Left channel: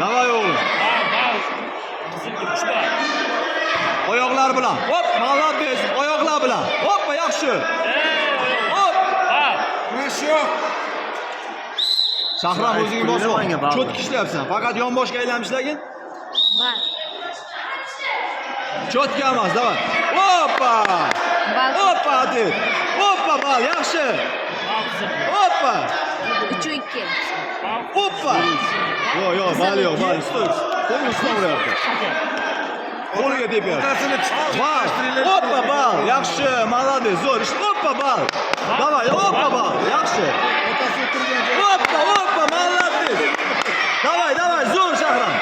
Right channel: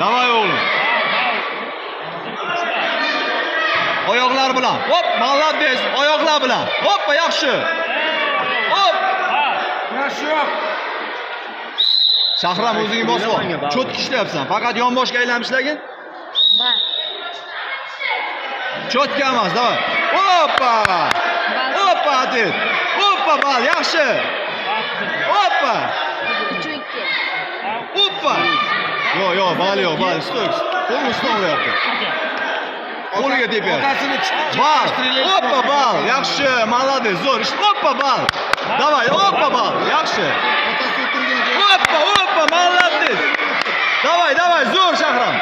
Davay oğlum. Oyoqlar bilan. Hop, молодец. Oyoqlar bilan. Hoppa, yaxshi. Hop. Shahram o'zingni bosib ol. Cho'tki ishlayapsan. Faqat yonboshga aylanmishlagin. Bal. Cho'tki emas, davay. Hoppa. Hoppa, hadi. Hoppa, bal, yaxshi. Hoppa. 3-2. Hoppa. Yo'q, bal yo'q, bal. Qo'l ustavlayapti. Qo'liga tepyapti. Bal. Hoppa, bal. Yaxshi, молодец, zo'r. Hoppa, bal. Davay, hoppa, bal. Yaxshi. Hoppa, молодец. Davay, zo'r Shahram.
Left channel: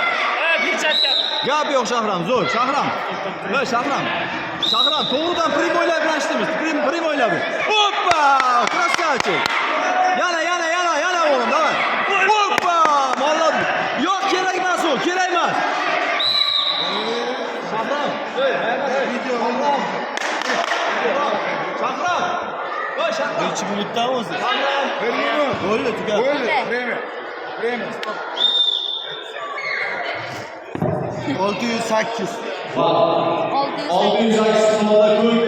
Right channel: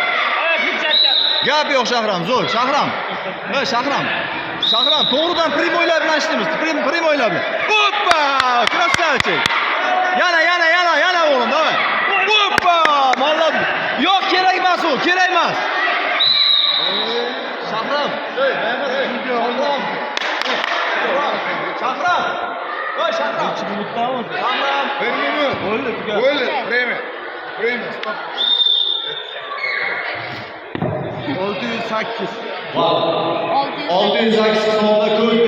Gap yo'q Shahram, zo'r. Shahram. Ha, Shahram, to'g'ridan primoylar bilan ishlaymiz. Primoylar bilan. Hoppa! Krasavchik. Yana o'g'lim, davay. Hoppa! Молодец. Yo'q, kerak emas u, kerak emas. Shahram. Shahram. Voy Shahram. 2 minutdan o'zi. Shahram. Bo'ldi, tugadi. Время. 608. 608. 608 sonda klub